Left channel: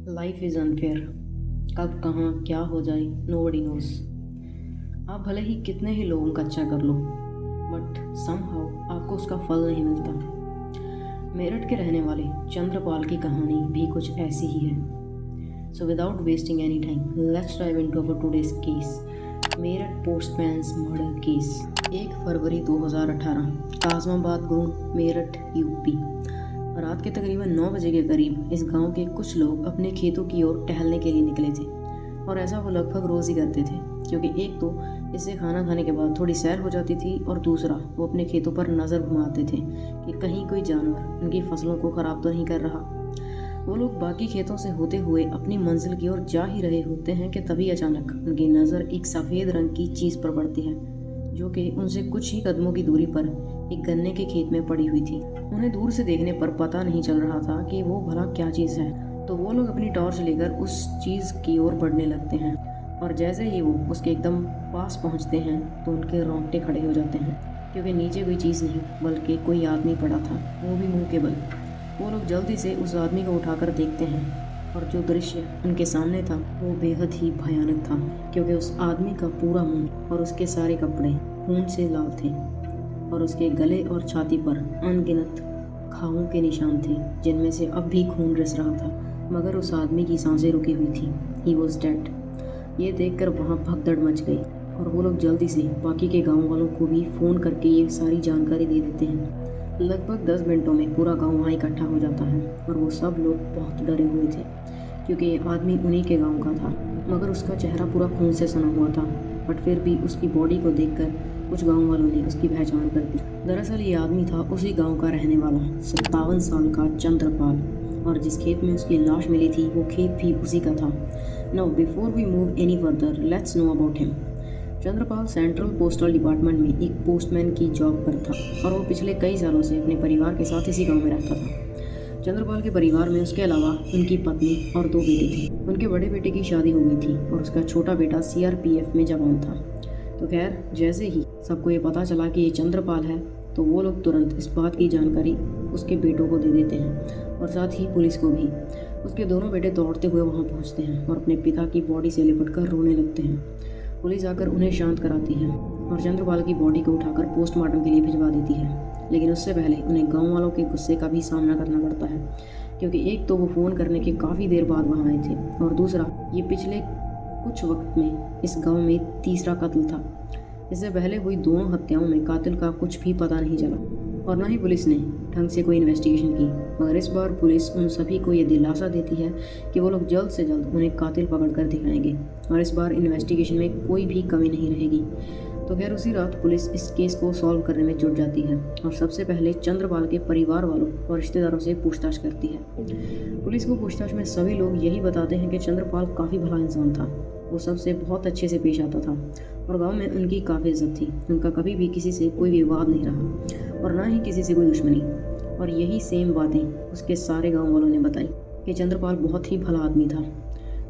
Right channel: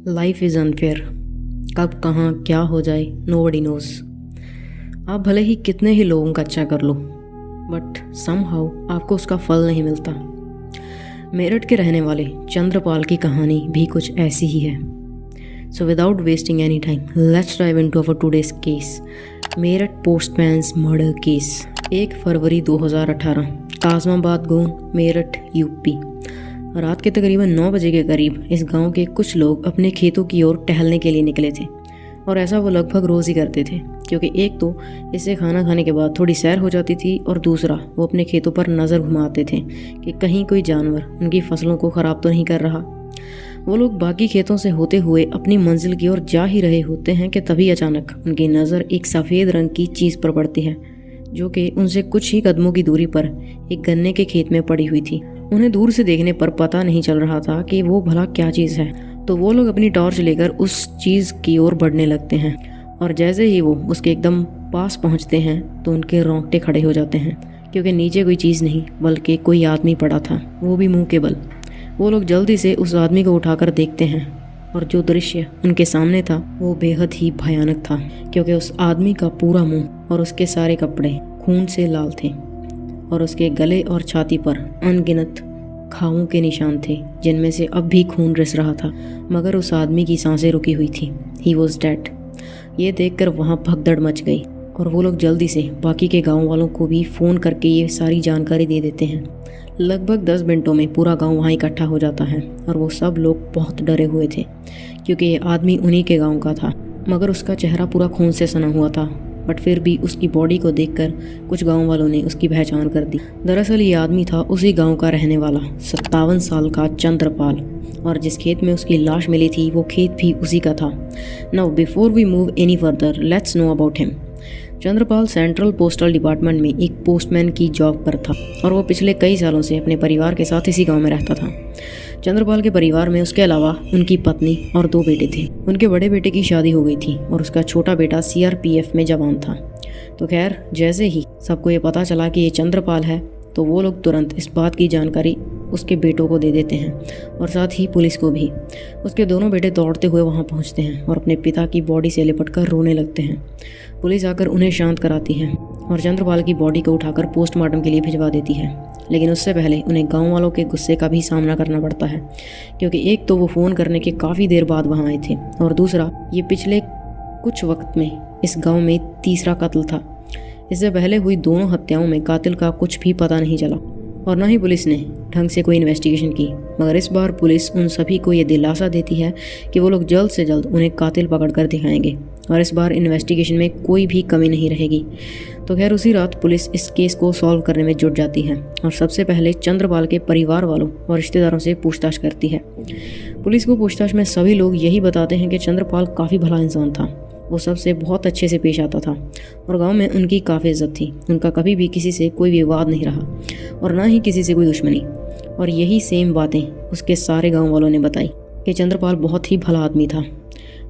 Life is unfair. कब कहाँ क्या हो जाए नोबडी नोज। आप भले ही कितने ही लोगों का अच्छा कर लो बट समहाउ आपको उसका फल नहीं मिलता। मेरठ के रहने वाले चंद्रपाल की कहानी भी कुछ ऐसी ही है। So without wasting any time let's dive into our today's case, Meerut postman's murder case. 1 फरवरी 2018, काजमाबाद गोन, मेरठ यूपी। रात के तकरीबन 9 बजे के करीब इस गांव के कुछ लोग अपने खेतों की ओर टहलने के लिए निकले थे और ऐसा वो लगभग रोज़ ही करते थे, क्योंकि एक तो इससे खाना खाने के बाद थोड़ी सैर हो जाती थी और दूसरा वो अपने खेतों पर नज़र घुमाते थे कि कहीं कोई जानवर उनकी फसलों को ख़राब तो नहीं कर रहा। वो लोग बाकी खेतों से होते हुए अपनी मंजिल की ओर जा ही रहे होते हैं कि तभी अचानक उनकी नज़र एक सफ़ेद रंग की चीज़ पर पड़ती है जो कि उनसे कुछ ही कदमों की दूरी पर एक गन्ने के खेत में पड़ी हुई थी। उन्हें दूर से देखने पर पता नहीं चल रहा था कि वो भला क्या चीज़ है, तो वो लोग अपनी टॉर्च लेकर उस चीज़ की ओर बढ़ने लगते हैं और जैसे ही वो उसके एकदम पास पहुंचते हैं तो उनके रोंगटे खड़े हो जाते हैं, क्योंकि नीचे कोई चीज़ नहीं बल्कि कोई आदमी पड़ा था, वो भी मुंह के बल। वो लोग जल्दी से उस आदमी को उठाकर देखते हैं और जो दृश्य उनके सामने था वो बेहद ही भयानक था, क्योंकि उस आदमी का पूरा मुंह और उसके सारे कपड़े खून से लाल थे और उसके गले और छाती पर अनगिनत घावों के निशान थे जिनमें से अब भी खून रिस रहा था, मगर उस आदमी की सांसें रुकी हुई थी। He was dead. ये देखकर वहाँ भगदड़ मच गई और वो लोग जल्दी से बाकी के गांव वालों को भी फ़ोन करके ये सारी जानकारी दे देते हैं। लगभग 10 मिनटों में पूरा गांव वहाँ इकट्ठा हो जाता है और वो सब लोग बहुत डरे हुए थे, क्योंकि ये आदमी उन्हीं के गांव का था, मगर उसका चेहरा पूरा खून से सना हुआ था। बट फिर भी उसकी बॉडी को देखकर कुछ गांव वालों ने उसकी पहचान कर दी। दरअसल ये आदमी था उसी गांव का रहने वाला 57 साल का चंद्रपाल, और जिस खेत में उसकी लाश मिली थी वो खेत भी उसी का था। Now before we move any further let's know about him. Chandrapal central postal department में एक पोस्टमैन की जॉब पर था और वो पिछले कई सालों से अपने परिवार के साथ इसी गांव में रहता था। चंद्रपाल के परिवार में उसके अलावा उनकी पत्नी और 2 बेटे थे। उनके बड़े बेटे की शादी हो गई थी और उसका छोटा बेटा सीआरपीएफ में जवान था। तो खैर, जैसे ही सबको ये पता चला कि ये चंद्रपाल है तो वो लोग तुरंत इस बात की जानकारी उसके बेटों को दे देते हैं और साथ ही पुलिस को भी। उसके दोनों बेटे दौड़ते हुए वहाँ पहुँचते हैं और अपने पिता की बॉडी से लिपट कर रोने लगते हैं। पुलिस आकर उन्हें शांत कराती है और चंद्रपाल की बॉडी को उठाकर पोस्टमार्टम के लिए भिजवा देती है। लेकिन उससे पहले उन्हें गांव वालों के गुस्से का भी सामना करना पड़ता है, क्योंकि एक तो वो फ़ोन करने के काफ़ी देर बाद वहाँ आए थे और दूसरा ये पिछले कुछ वक्त में इस गांव में तीसरा कत्ल था। इससे पहले हुई दोनों हत्याओं में कातिल का कुछ भी पता नहीं चला और न ही पुलिस ने ढंग से कोई इन्वेस्टिगेशन की। मगर इस बार पुलिस उन सभी को ये दिलासा देती है कि वो लोग जल्द से जल्द उन्हें कातिल पकड़ कर दिखाएंगे और इस बार इन्वेस्टिगेशन में कोई भी कमी नहीं रहेगी। तो खैर, उसी रात पुलिस इस केस को सॉल्व करने में जुट जाती है और सबसे पहले चंद्रपाल के परिवार वालों और रिश्तेदारों से पूछताछ करती है। पुलिस को पूछताछ में सभी लोग यही बताते हैं कि चंद्रपाल काफ़ी भला इंसान था। वो सबसे बहुत अच्छे से पेश आता था और गांव में उनकी काफ़ी इज्जत थी। उनका कभी भी किसी से कोई विवाद नहीं रहा और ना ही किसी से कोई दुश्मनी। और यही सेम बातें उसके सारे गांव वालों ने बताई कि चंद्रपाल बहुत ही भला आदमी था।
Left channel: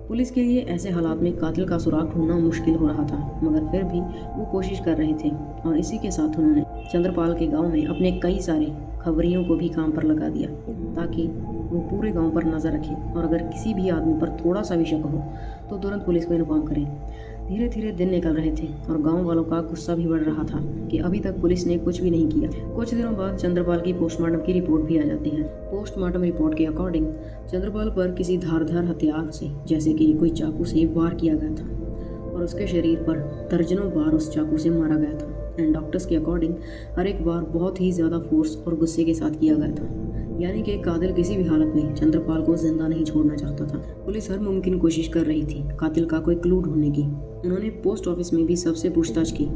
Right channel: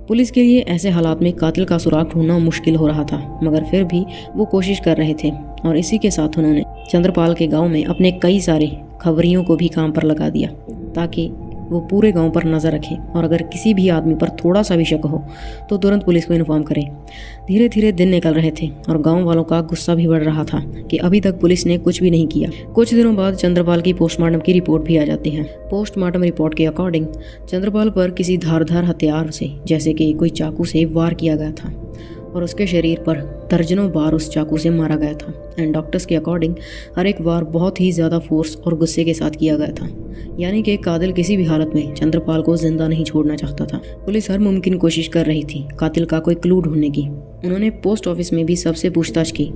पुलिस के लिए ऐसे हालात में कातिल का सुराग ढूंढना मुश्किल हो रहा था, मगर फिर भी वो कोशिश कर रहे थे और इसी के साथ उन्होंने चंद्रपाल के गाँव में अपने कई सारे खबरियों को भी काम पर लगा दिया ताकि वो पूरे गांव पर नज़र रखें और अगर किसी भी आदमी पर थोड़ा सा भी शक हो तो तुरंत पुलिस को इन्फॉर्म करें। धीरे धीरे दिन निकल रहे थे और गांव वालों का गुस्सा भी बढ़ रहा था कि अभी तक पुलिस ने कुछ भी नहीं किया। कुछ दिनों बाद चंद्रपाल की पोस्टमार्टम की रिपोर्ट भी आ जाती है। पोस्टमार्टम रिपोर्ट के अकॉर्डिंग चंद्रपाल पर किसी धारदार हथियार से, जैसे कि कोई चाकू से वार किया गया था और उसके शरीर पर दर्जनों बार उस चाकू से मारा गया था। एंड डॉक्टर्स के अकॉर्डिंग हर एक वार बहुत ही ज़्यादा फोर्स और गुस्से के साथ किया गया था, यानी कि कातिल किसी भी हालत में चंद्रपाल को जिंदा नहीं छोड़ना चाहता था। पुलिस हर मुमकिन कोशिश कर रही थी कातिल का कोई क्लू ढूंढने की। उन्होंने पोस्ट ऑफिस में भी सबसे पूछताछ की,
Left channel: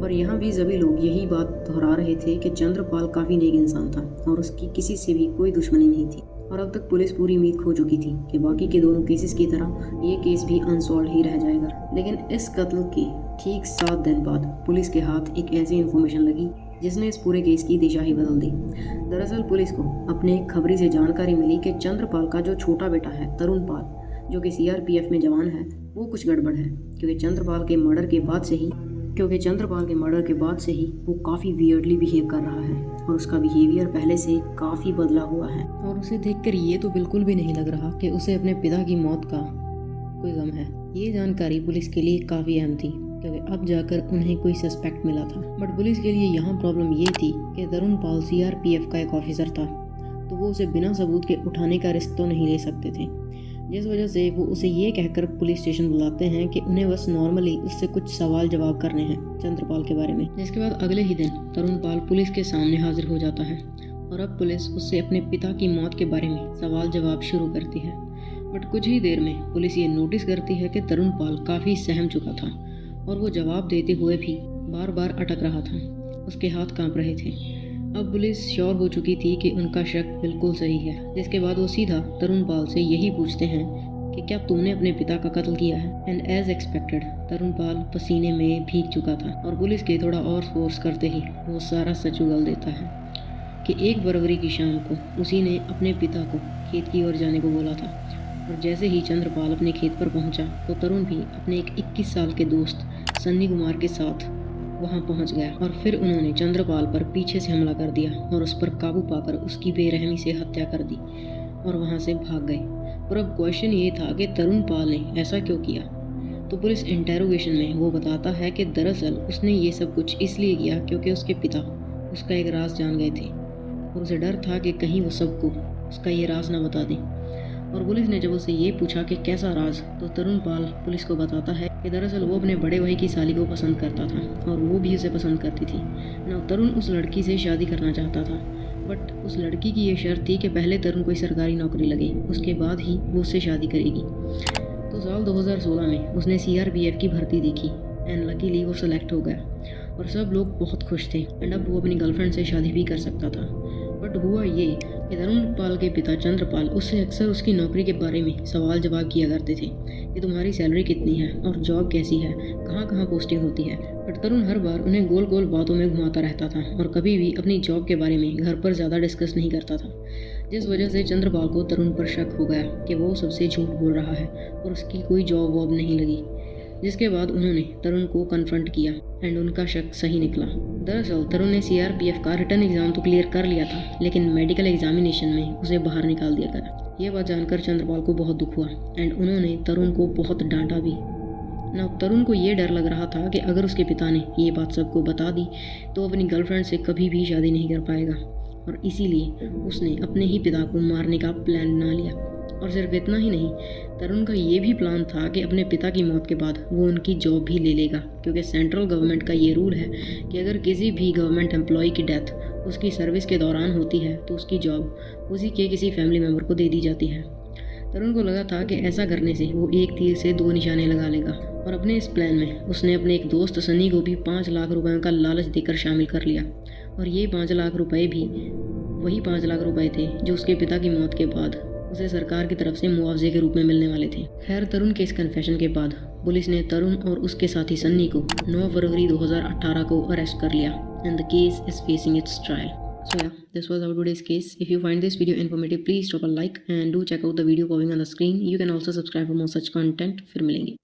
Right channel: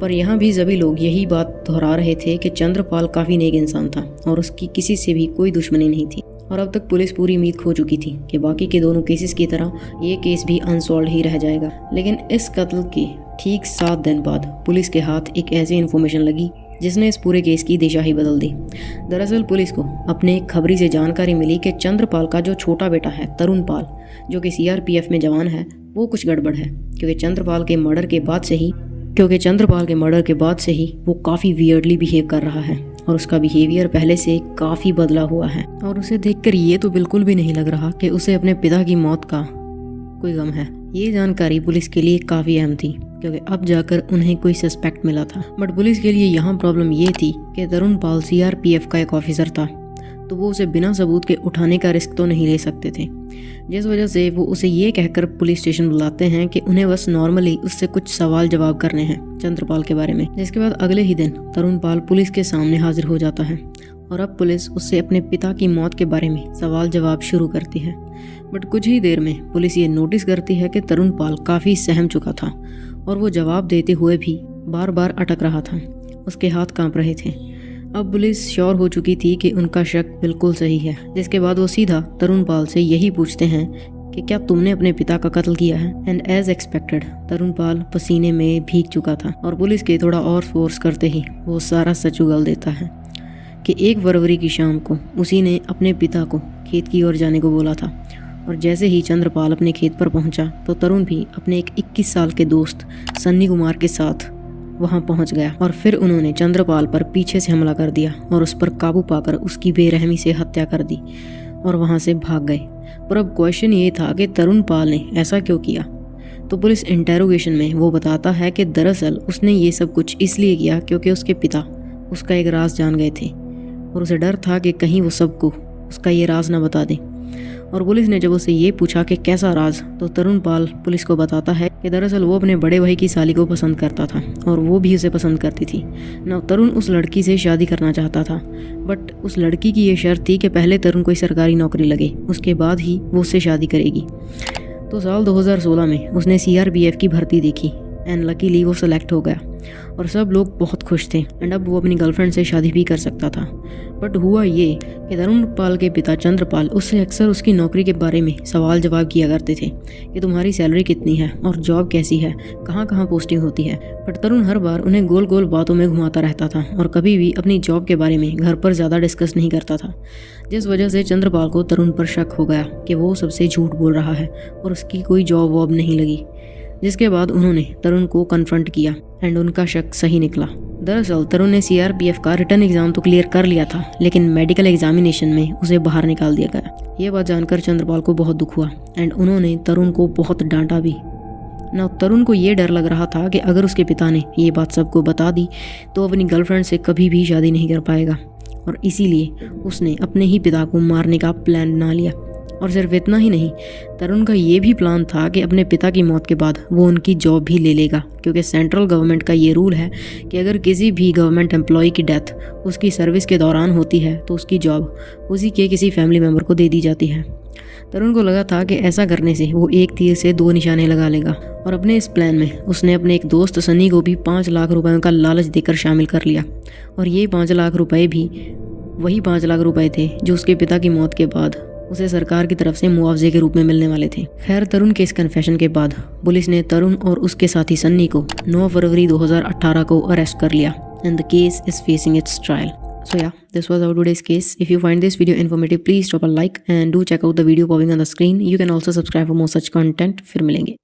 पर यहाँ भी सभी लोग यही बात दोहरा रहे थे कि चंद्रपाल काफ़ी नेक इंसान था और उसकी किसी से भी कोई दुश्मनी नहीं थी। और अब तक पुलिस पूरी उम्मीद खो चुकी थी कि बाकी के दोनों केसेस की तरह ये केस भी अनसॉल्व ही रह जाएगा। लेकिन इस कत्ल के ठीक 7 दिन बाद पुलिस के हाथ एक ऐसी इन्फॉर्मेशन लगी जिसने इस पूरे केस की दिशा ही बदल दी। दरअसल पुलिस को अपने एक खबरी से जानकारी मिली कि चंद्रपाल का जो छोटा बेटा है तरुण पाल, जो कि सीआरपीएफ में जवान है, वो कुछ गड़बड़ है, क्योंकि चंद्रपाल के मर्डर के बाद से ही वो काफ़ी वियर्डली बिहेव कर रहा है और उसका बिहेवियर पहले से काफ़ी बदला हुआ है और उसे देखकर ये तो बिल्कुल भी नहीं लग रहा कि उसे अपने पिता की मौत का कोई गम है। ये जानकारी पुलिस के लिए काफ़ी अहम थी क्योंकि अब जाकर उन्हें कोई सस्पेक्ट मिला था। बट पुलिस के लिए यहाँ प्रॉब्लम ये थी कि तरुण पाल CRPF का एक ऑफिसर था, तो वो उसे बिना सबूत के उठाने का रिस्क तो नहीं ले सकते थे, जिस वजह से वो उसे ये कहकर पुलिस स्टेशन बुलाते हैं कि उन्हें बस नॉर्मली उससे कुछ सवाल जवाब करने हैं चंद्रपाल के बारे में। जिसके बाद अगले ही दिन तरुण पाल पुलिस के सामने हाजिर हो जाता है और अब पुलिस उससे अपने पिता की मौत के बारे में सवाल जवाब शुरू करती है। बट कुछ ही देर में पुलिस ये नोटिस करती है कि तरुण पाल काफ़ी सहम चुका था और वो जवाब देते हुए भी बार बार अटक रहा था, उसके हाथ कांप रहे थे। अब पुलिस श्योर हो चुकी थी कि उनका शक बिल्कुल सही है, जिसके बाद वो सीधा तरुण पाल से यही पूछते हैं कि क्या तुमने अपने पिता का कत्ल किया है। एंड एज एक्सपेक्टेड तरुण पाल पसीने में भीग चुका था और पुलिस के थोड़ा और फोर्स करते ही वो सारा सच उगल देता है कि 1 फरवरी की शाम को उसी ने अपने पिता को खेत की ओर जाने को बोला था और जैसे ही चंद्रपाल अपने खेत पर पहुंचा तो तरुण भी अपने एक 21 साल के दोस्त सन्नी कुमार के साथ वहां पहुंच गया और फिर उन्होंने चंद्रपाल पर पीछे से हमला कर दिया और उस पर काबू पाकर उसकी बेरहमी से हत्या कर दी और वहां से भाग गए। पर अब क्वेश्चन ये था कि तरुण पाल ने ऐसा क्यों किया। तो पुलिस इंटेरोगेशन में वो बताता है कि दरअसल उसने ये सब कुछ इसलिए किया क्योंकि उसके पिता उसका एक राज जान गए थे और उसे डर था कि कहीं वो सबको उसका ये राज ना बता दें। और पुलिस ने जब उसे ये पूछा कि कैसा राज, तो तरुण पाल पुलिस को बताता है कि दरअसल वो अपने बड़े भाई की साली को पसंद करता था और वो भी उसे पसंद करती थी ना। तरुण उस लड़की से शादी करना चाहता था, बट उस लड़की की ये शर्त थी कि पहले तरुण कोई सरकारी नौकरी लगे, उसके बाद ही वो उससे शादी करेगी। तो साल 2016 में उसने CRPF की भर्ती देखी एंड लकीली वो सेलेक्ट हो गया और सब लोग बहुत खुश थे एंड अब वो अपनी गर्लफ्रेंड से शादी भी कर सकता था। बट हुआ ये कि तरुण पाल के पिता चंद्रपाल उससे अक्सर उसकी नौकरी के बारे में सवाल जवाब किया करते थे कि तुम्हारी सैलरी कितनी है और जॉब कैसी है, कहाँ कहाँ पोस्टिंग होती है। बट तरुण हर बार उन्हें गोल गोल बातों में घुमाता रहता था और कभी भी अपनी जॉब के बारे में घर पर ज़्यादा डिस्कस नहीं करता था, जिस वजह से चंद्रपाल को तरुण पर शक हो गया कि वो सबसे झूठ बोल रहा है और उसकी कोई जॉब वॉब नहीं लगी। जिसके बाद उन्होंने तरुण को कन्फ्रंट किया एंड उनका शक सही निकला। दरअसल तरुण ने CRPF का रिटर्न एग्जाम तो क्लियर कर लिया था, लेकिन मेडिकल एग्जामिनेशन में उसे बाहर निकाल दिया गया। ये बात जानकर चंद्रपाल को बहुत दुख हुआ एंड उन्होंने तरुण को बहुत डांटा भी ना। तरुण को ये डर लग रहा था कि अगर उसके पिता ने ये बात सबको बता दी तो अपनी गर्लफ्रेंड से कभी भी शादी नहीं कर पाएगा और इसीलिए उसने अपने ही पिता को मारने का प्लान बना लिया। और सिर्फ इतना ही नहीं, तरुण का ये भी प्लान था कि अपने पिता की मौत के बाद वो उनकी जॉब भी ले लेगा, क्योंकि सेंट्रल गवर्नमेंट का ये रूल है कि अगर किसी भी गवर्नमेंट एम्प्लॉय की डेथ उसकी सर्विस के दौरान होती है तो उसकी जॉब उसी के किसी फैमिली मेम्बर को दे दी जाती है। तरुण को लगा था कि ऐसा करने से वो एक तीर से 2 निशाने लगा लेगा और अपने इस प्लान में उसने अपने एक दोस्त सनी को भी 5 लाख रुपयों का लालच देकर शामिल कर लिया और ये 5 लाख रुपए भी वही 5 लाख रुपए थे जो उसके पिता की मौत के बाद उसे सरकार की तरफ से मुआवजे के रूप में मिलने वाले थे। खैर, तरुण के इस कन्फेशन के बाद पुलिस ने तरुण और उसके साथी सन्नी को 9 फरवरी 2018 को अरेस्ट कर लिया and the case is facing it's trial. So yeah, this was our today's case. If you find this video informative, please drop a like and do check out the video popping on the screen. You can also subscribe for more such content. फिर मिलेंगे।